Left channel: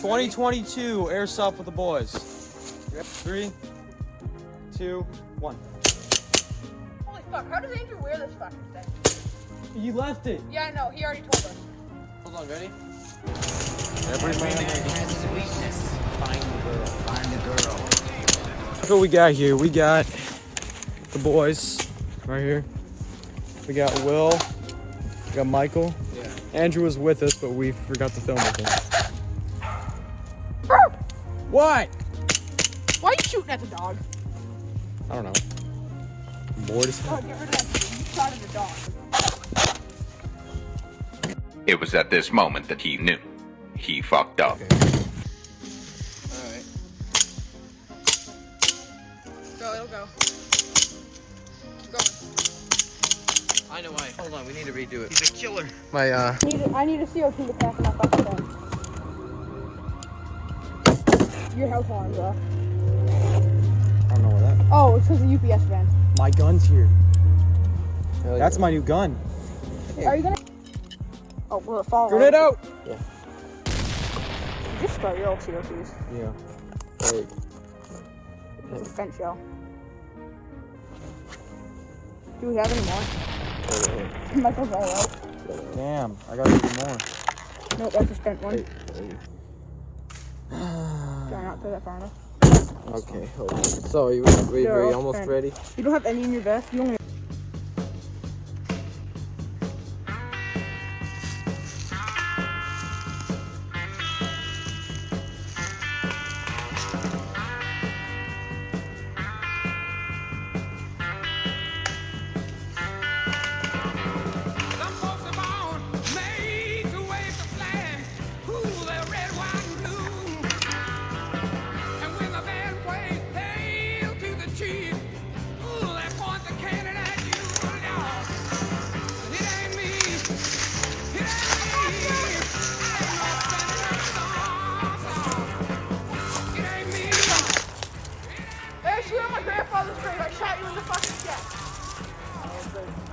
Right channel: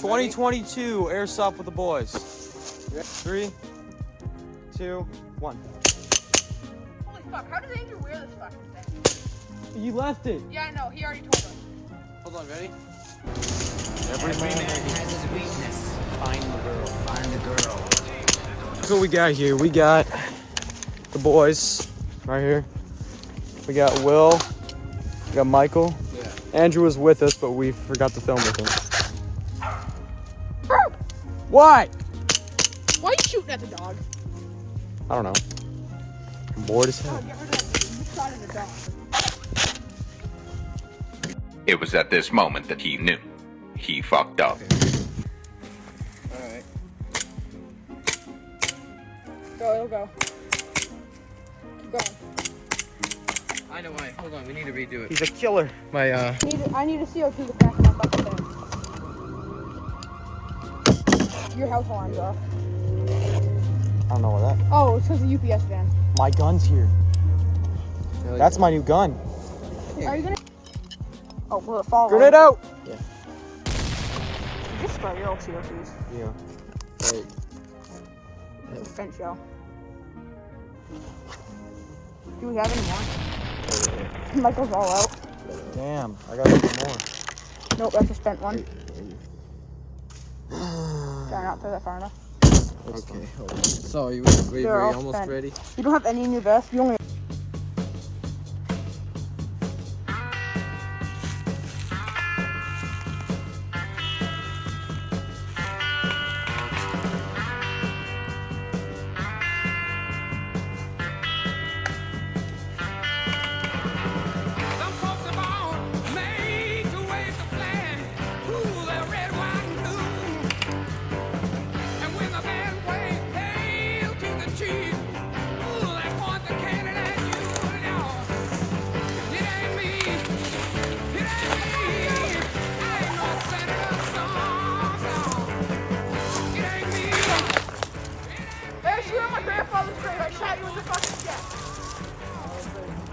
2022 Airsoft with the boys. 3, 2, 1. Holy fuck, how does Andrew wear this fucking thing? He left it. Yeah, I know, he already told us. Hold on, ready? Every man has his weakness. Find the girl. Find the girl. That's what we got here. We got the boys right here. We got Will. We got Michael. Yeah. Andrew was with us, but we forgot to film with him. Why? Why are you shooting at the dog? I don't know. I'm bored as hell. Oh, get rid of that dude. You shot at the dog. It was at this moment that he knew. He fucked up. Alright. Go, it'll go. Keep going. I know why. Hold on, we need to redo it. He's a killer. My I need a CO2 to back in my fucking thing. Your house alarm's off. I don't know where that. Oh, it's because the UPS van. My gun's here. Hell That's yeah. my new gun. Are you gonna? Oh, will it fall? Grenade out! You just start your old CO2s. Yeah. Wait. It's a spent shell. Do we have any more? Michael's all out. Damn, I got even more. Nope, that's a spent one. Try not to throw that far enough. Okay, hold on. So, you They're all almost spent. ready? You don't have any in your vest. You only.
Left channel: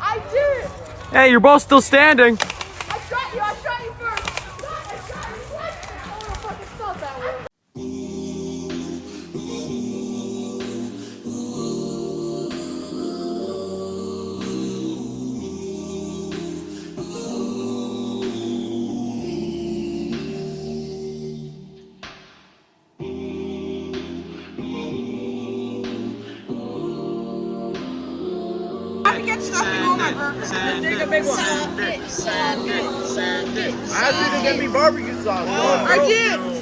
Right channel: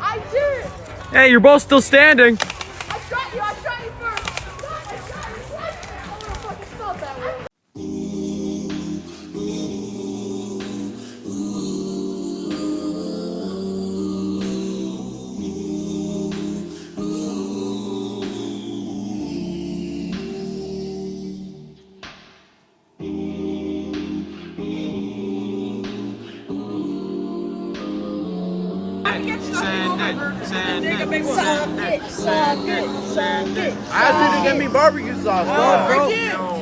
I did! Hey, you're both still standing. I shot you first! I shot you twice! I would have fucking felt that way. Send it. I didn't get me barbecue sauce. I did!